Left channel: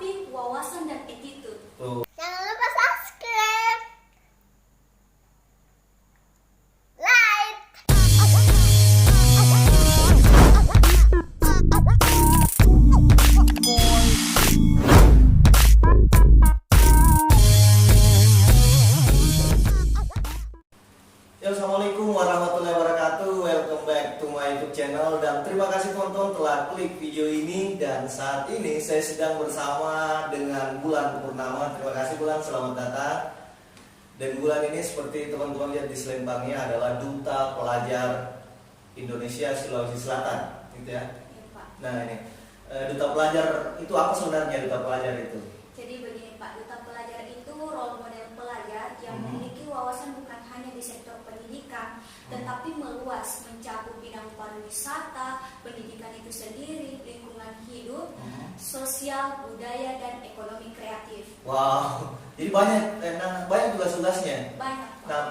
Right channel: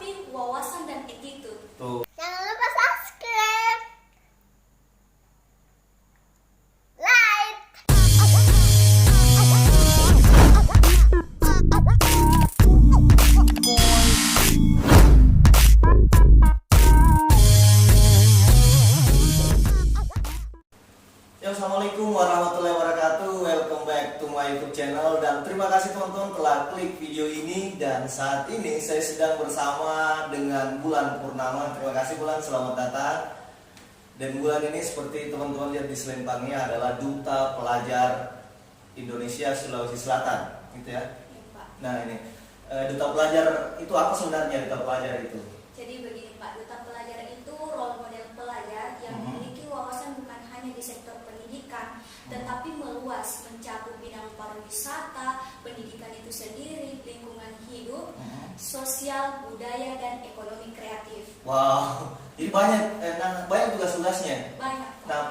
tetapi wawasan dan attitude. Tuh. Jangan lupa subscribe, like. Ya, assalamualaikum warahmatullahi wabarakatuh. Welcome back to my YouTube channel dan terima kasih teman-teman telah klik video ini. Dan saat ini saya sedang bersama dengan Bulan Purnama. Terima kasih Bulan, selamat datang. Dan Bulan ini seperti teman-teman lihat di selempangnya adalah Duta Pelajar Indonesia Sulawesi Selatan, gitu ya. Nah ini Duta Pelajar itu apa sebenarnya Duta Pelajar itu? Jadi begini Pak, Duta Pelajar itu role model pelajar yang memiliki wawasan bukan hanya di sektor pendidikan, tetapi meluas mencakup bidang pariwisata, pendidikan itu sendiri, lingkungan hidup, sosial, budaya, dan ekonomi kreatif. Wow, jadi banyak tugas-tugasnya. Banyak Pak. Nah,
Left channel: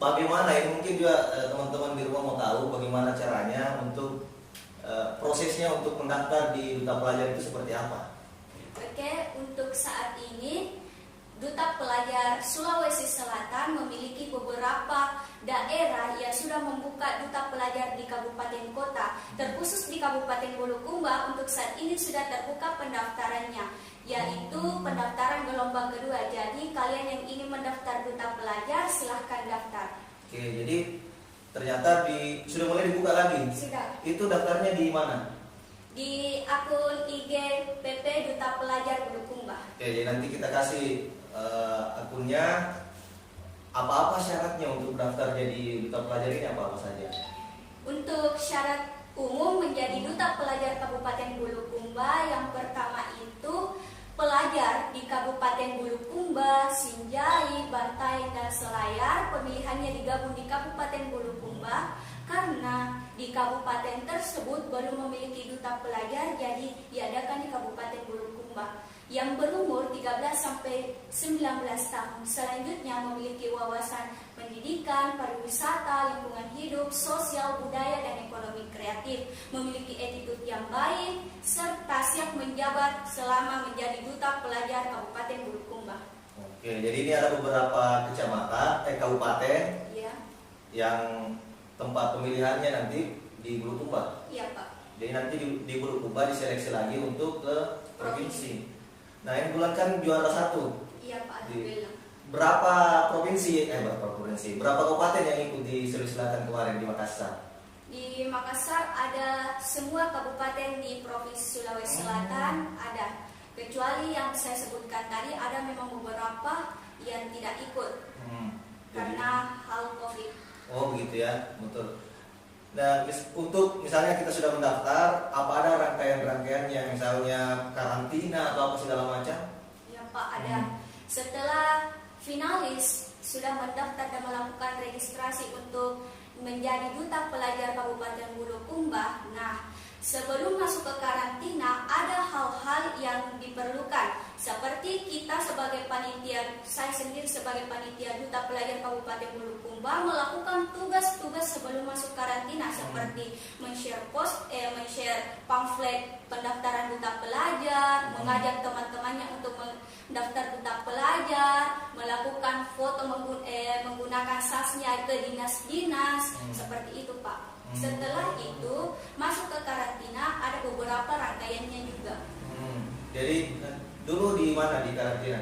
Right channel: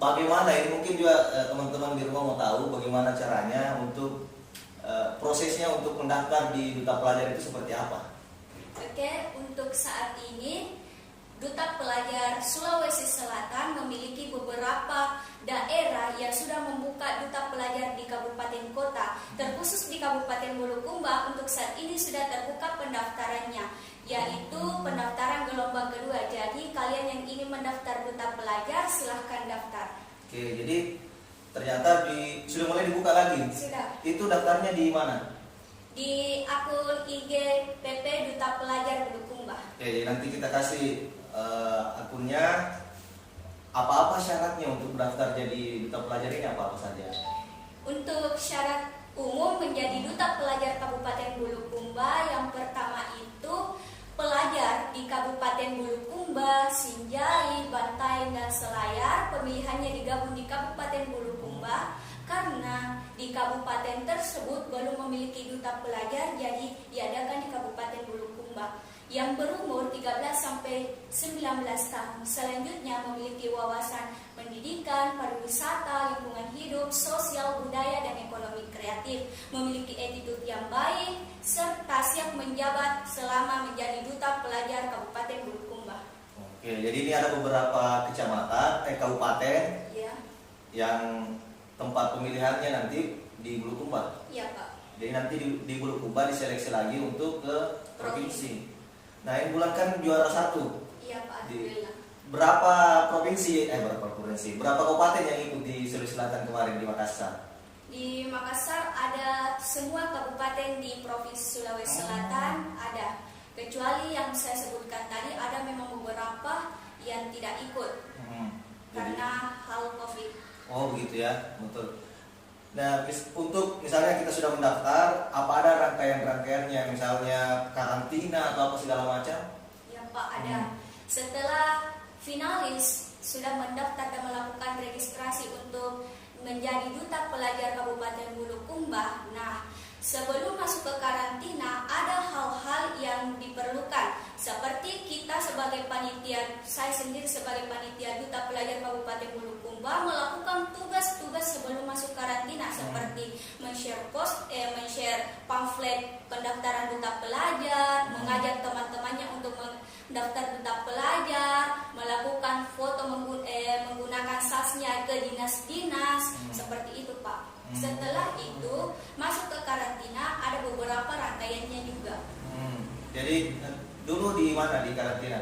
bagaimana ini mungkin juga teman-teman di rumah mau tahu bagaimana caranya untuk prosesnya untuk mendaftar di Duta Pelajar itu seperti apa? Oke, untuk saat ini Duta Pelajar Sulawesi Selatan memiliki beberapa daerah yang sudah membuka Duta Pelajar di kabupaten kota. Terkhusus di Kabupaten Bulukumba untuk saat ini sudah terbuka pendaftarannya, yaitu pendaftaran gelombang kedua. Jadi kalian yang ingin mendaftar Duta Pelajar silahkan daftar. Oke, jadi ternyata sudah mulai dibuka lagi. Sudah. Itu daftarnya di mana? Di akun IG PP Duta Pelajar Bulukumba. Oke, jadi nanti kita kasih akunnya. Apa-apa syaratnya untuk daftar jadi Duta Pelajar ini apa saja? Untuk syarat umum menjadi Duta Pelajar Kabupaten Bulukumba, yang pertama itu pelajar di Kabupaten Bulukumba, Sinjai, Bantaeng, dan Selayar. Pemilihannya digabung di Kabupaten Bulukumba karena di kabupaten tersebut belum memiliki Duta Pelajar, jadi diadakan di Kabupaten Bulukumba. Yang berumur 13 sampai 19 tahun, selanjutnya memiliki wawasan pendidikan, pariwisata, lingkungan hidup, sosial, budaya, dan ekonomi kreatif, memiliki attitude yang baik, serta siap menjabat selama menjadi Duta Pelajar Kabupaten Bulukumba. Oke, jadi ini ada beberapa kabupaten Iya. yang tempat pemilihannya nanti di Bulukumba. Iya Pak. Jadi nanti di Bulukumba diseleksi lagi untuk ke provinsi. Nah, ini Bulan kan juara 1. Iya Pak, alhamdulillah. Berapa kabupaten yang ikut di Sulawesi Selatan kemarin di Makassar? Di Makassar ada semua kabupaten di Provinsi Sulawesi Selatan ada. Kecuali yang saya sebutkan tadi, ada memang beberapa yang tidak ikut karena hal COVID. Oh begitu ya, betul. Nah, untuk misalnya kita sudah mendaftar, apa ada rangkaian-rangkaiannya, misalnya karantina atau apa segala macam? Ya Pak, ada. Setelah finalis sudah mendaftar dan melakukan registrasi untuk menjadi Duta Pelajar Kabupaten Bulukumba. Nah, sebelum masuk ke karantina ada hal-hal yang diperlukan, seperti kita sebagai panitia, saya sendiri sebagai panitia Duta Pelajar Kabupaten Bulukumba melakukan tugas-tugas sebelum masuk karantina, seperti men-share pamflet pendaftaran Duta Pelajar, mengajak teman-temannya untuk mendaftar Duta Pelajar, melakukan foto menggunakan sasnya ke dinas-dinas, seperti itu Pak. Setelah itu masuk ke karantina, ada beberapa rangkaiannya juga. Jadi dulu di mana di karantina?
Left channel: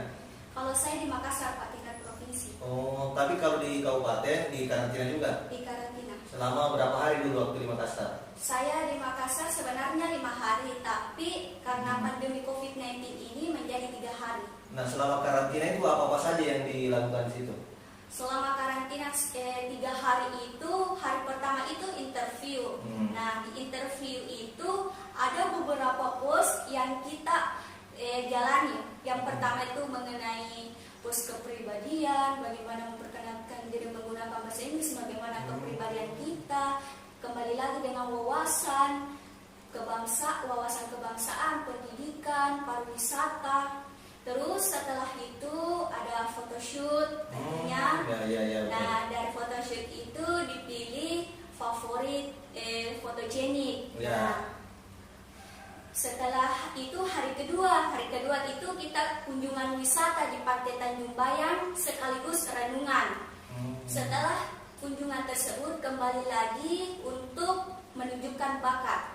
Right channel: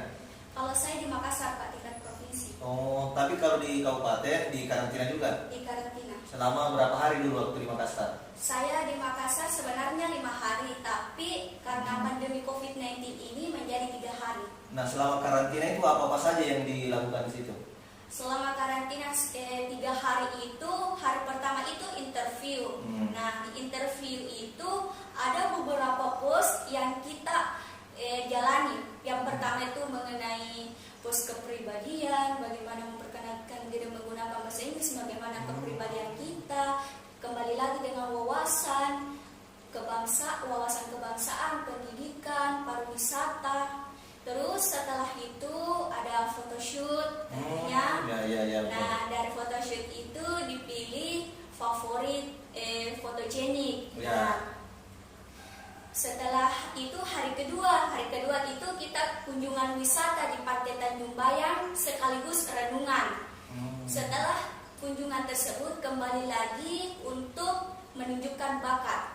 Kalau saya di Makassar Pak, tingkat provinsi. Oh, tapi kalau di kabupaten di karantina juga? Di karantina. Selama berapa hari dulu waktu di Makassar? Saya di Makassar sebenarnya 5 hari, tapi karena pandemi COVID-19 ini menjadi 3 hari. Nah, selama karantina itu apa-apa saja yang dilakukan di situ? Selama karantina 3 hari itu, hari pertama itu interview. Nah, di interview itu ada beberapa pos yang kita jalani. Yang pertama itu mengenai pos kepribadian, bagaimana memperkenalkan diri menggunakan bahasa Inggris, bagaimana kepribadian kita, kembali lagi dengan wawasan kebangsaan, pendidikan, pariwisata. Terus setelah itu ada photoshoot tentunya. Nah, dari photoshoot itu dipilih favorit fotogenik. Nah, setelah itu hari kedua berwisata di Pantai Tanjung Bayang sekaligus renungan. Setelah kunjungan tersebut kembali lagi untuk menunjukkan bakat.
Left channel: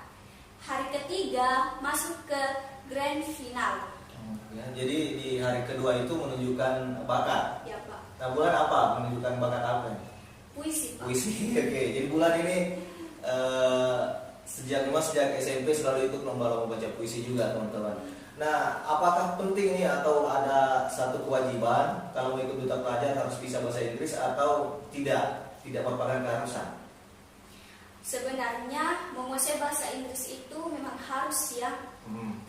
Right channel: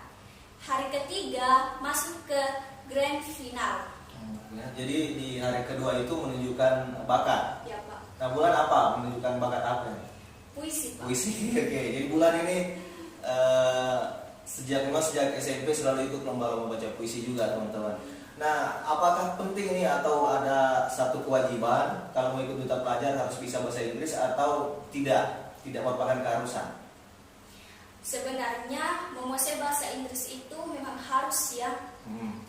Hari ketiga masuk ke grand final. Ya, jadi di hari kedua itu menunjukkan bakat. Ya Pak. Nah, bulan apa menunjukkan bakat apa nih? Puisi Pak. Puisi. Oke, jadi bulan ini sejak SMP selalu ikut lomba-lomba baca puisi juga teman-teman. Nah, apakah penting ini atau ada satu kewajiban kalau mau ikut duta pelajar harus bisa bahasa Inggris atau tidak? Tidak merupakan keharusan. Sebenarnya menguasai bahasa Inggris itu memang harus ya.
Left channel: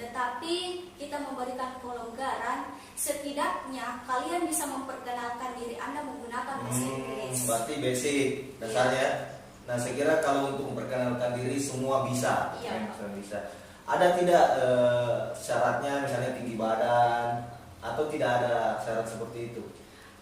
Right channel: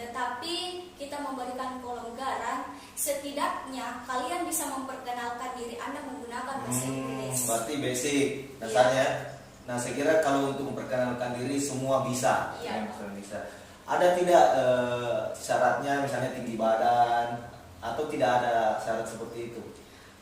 Tetapi kita memberikan kelonggaran, setidaknya kalian bisa memperkenalkan diri Anda menggunakan bahasa Inggris. Berarti basic dasarnya. Nah, saya kira kalau untuk memperkenalkan diri semua bisa. Iya, Semua bisa. Ada tidak syaratnya misalnya tinggi badan atau tidak ada syarat seperti itu?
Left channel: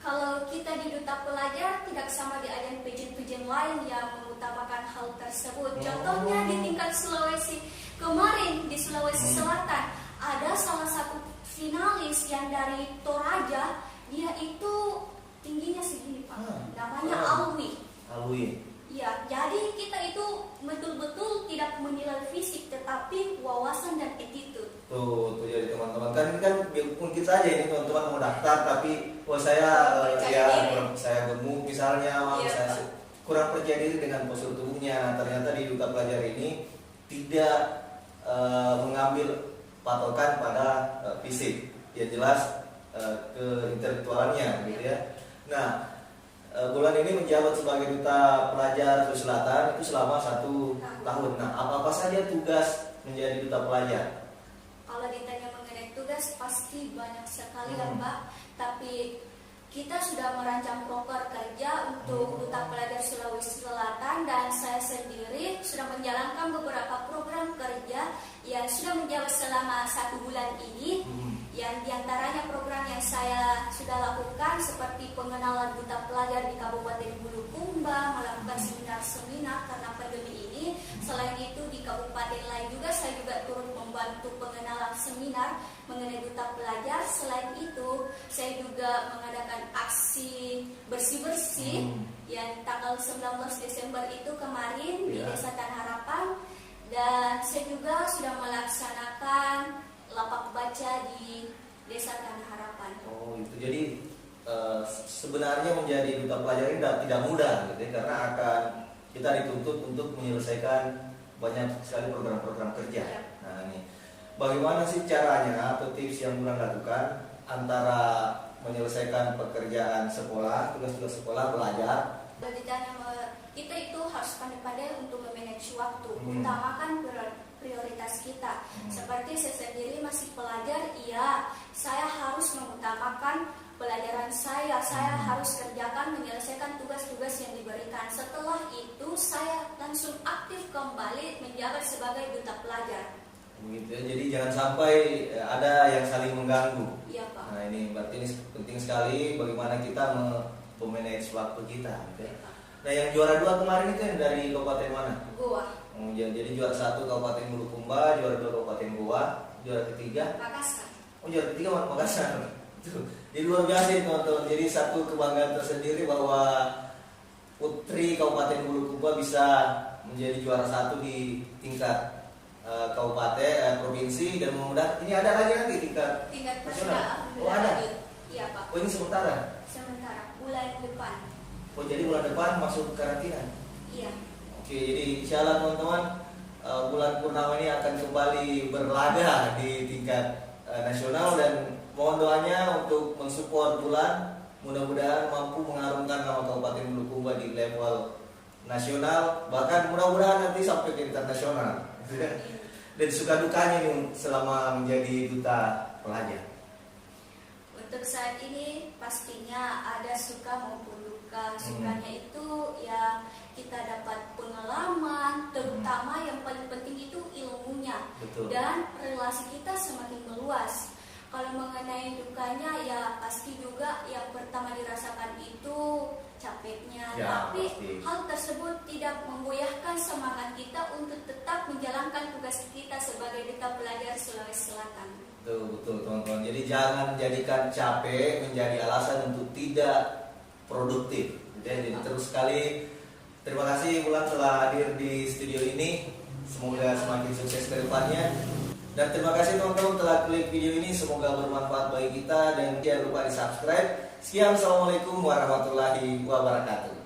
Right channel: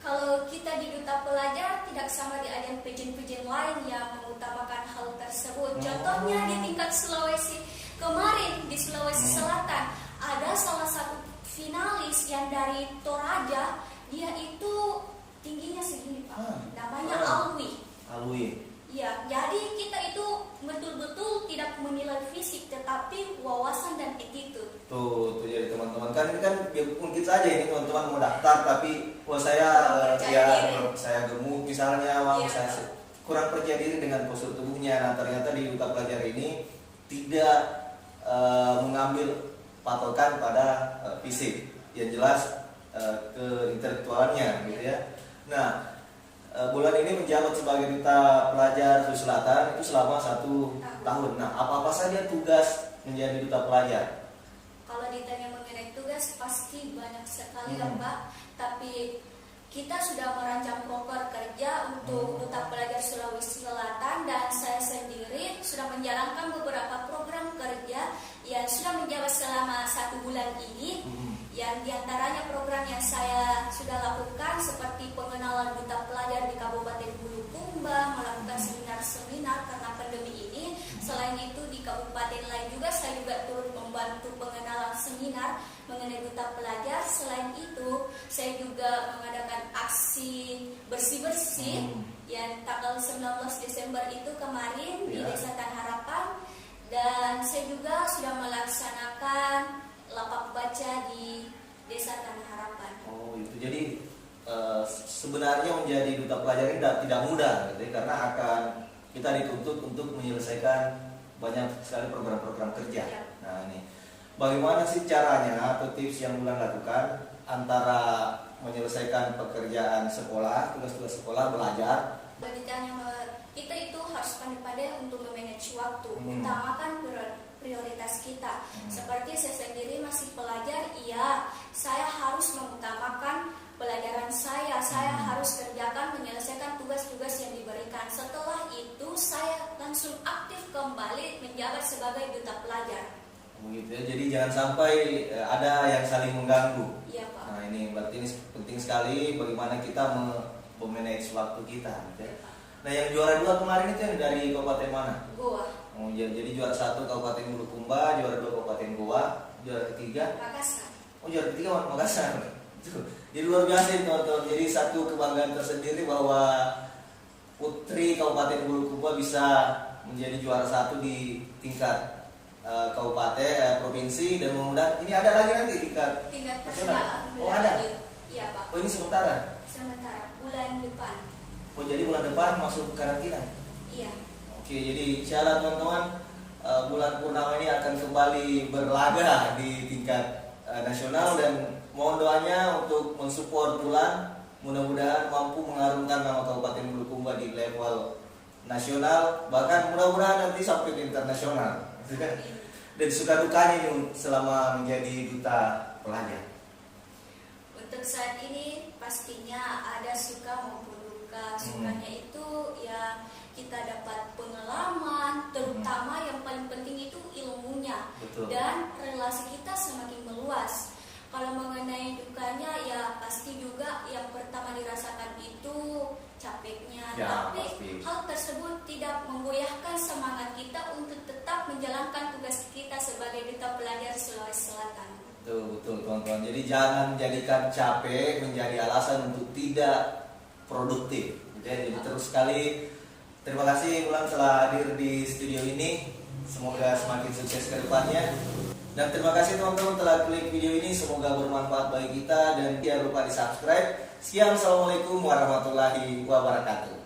Kalau kita di duta pelajar tidak sama di ajang pejen-pejen lain yang mengutamakan hal tersebut. Contohnya di tingkat Sulawesi kemarin di Sulawesi Selatan ada salah satu finalis yang dari Toraja, dia itu tingginya segini Pak. Namanya Alwi. Ya, jadi kita itu betul-betul tidak menilai fisik tetapi wawasan dan attitude. Tuh jadi teman-teman kan ini kan mungkin saja ini teman-teman mau daftar tapi saya saya gemuk misalnya, saya kurang percaya diri dengan postur tubuhnya. Nah, ternyata di duta pelajar ini tidak mengambil patokan pada fisik, yang jelas ke intelektualnya gitu ya. Nah, bulan ini menjabat sebagai duta pelajar Sulawesi Selatan itu selama 1 tahun. Nah, apa saja tugas menjadi duta pelajar? Kalau ditanya mengenai tugas pasti banyak sekali ya Pak. Tapi kita sudah merancang proper kerja untuk duta pelajar Sulawesi Selatan dan saya sendiri sudah menjalankan beberapa program kerja yang sudah menjabat selama 1 bulan ini. Yang diantaranya program yang saya sudah lakukan seperti pengenalan duta pelajar di Kabupaten Bulukumba, melakukan seminar-seminar karena pandemi ini. Selain itu di kabupaten lain juga saya juga turut membantu pengenalan seminar mengenai duta pelajar. Selain itu saya juga mengadakan aksi bersih-bersih yang tanggal 19 Desember itu kemarin di Desa Tanah Harapan. Dan saya juga sudah melaksanakan lapak baca di Desa Tanah Harapan. Oh, itu jadi sebenarnya menjadi duta pelajar ini tidak mudah gitu ya, karena akan kita dituntut untuk menyelesaikan banyak sekali program-program kerja. Ya. Nah, ini bagaimana sih caranya atau tips yang Bulan lakukan antara menyelesaikan pekerjaan sekolah, tugas-tugas sekolah, belajar? Beritanya kita itu harus pandai-pandai untuk memanage waktu, utamakan prioritas kita. Seperti saya sendiri masih pelajar, iya, saya harus mengutamakan pelajaran saya harus kerjakan menyelesaikan tugas-tugas yang diberikan. Setelah itu saya langsung aktif kembali menjabat sebagai duta pelajar. Begitu ya. Jadi jangan sampai ada yang saling mengganggu. Iya Pak. Nah, ini berarti ini penting sekali bagaimana kita memanage waktu kita gitu ya. Nah, yang juara 2 kemarin itu yang dari kabupaten mana? Goa. Oh, jadi juara 1 Kabupaten Bulukumba, juara 2 Kabupaten Goa, juara ketiga Makassar. Oh, juara ketiga Makassar. Jadi luar biasa ini teman-teman. Jadi satu kebanggaan tersendiri bahwa putri Kabupaten Bulukumba bisa menjadi juara 1 di tingkat kabupaten, provinsi, dan mudah-mudahan ini ada lagi nanti tingkat nasional. Oh, ada. Iya Pak. Oh, ini sementara. Sementara bulan depan. Oh, jadi bulan depan masuk karantina. Iya. Oke, jadi insya Allah teman-teman, bulan purnama ini akan kembali berlaga di tingkat nasional dan mohon doanya untuk mensupport Bulan, mudah-mudahan mampu mengharumkan nama Kabupaten Bulukumba di level nasional, bahkan mudah-mudahan nanti sampai ke internasional. Dan suka dukanya ini selama menjadi duta pelajar. Untuk saat ini pastinya ada suka maupun duka. Sukanya itu ya kita dapat pengalaman, terutama yang paling penting itu ilmunya. Betul. Dan relasi kita semakin meluas. Kalau mengenai dukanya ya pasti juga yang pertama dirasakan itu capeknya. Ya, Tapi pasti. hal tersebut tidak memgoyahkan semangat kita untuk tetap menjalankan tugas kita sebagai duta pelajar Sulawesi Selatan. Betul teman-teman. Jadi jangan jadikan capek menjadi alasan untuk tidak produktif. Jadi terus sekali terima kasih Wulan telah hadir di studio ini. Semoga semakin sukses ke depannya. Dan terima kasih teman-teman telah klik video ini. Semoga bermanfaat bagi kita dan jangan lupa di subscribe. Sekian, assalamualaikum warahmatullahi wabarakatuh.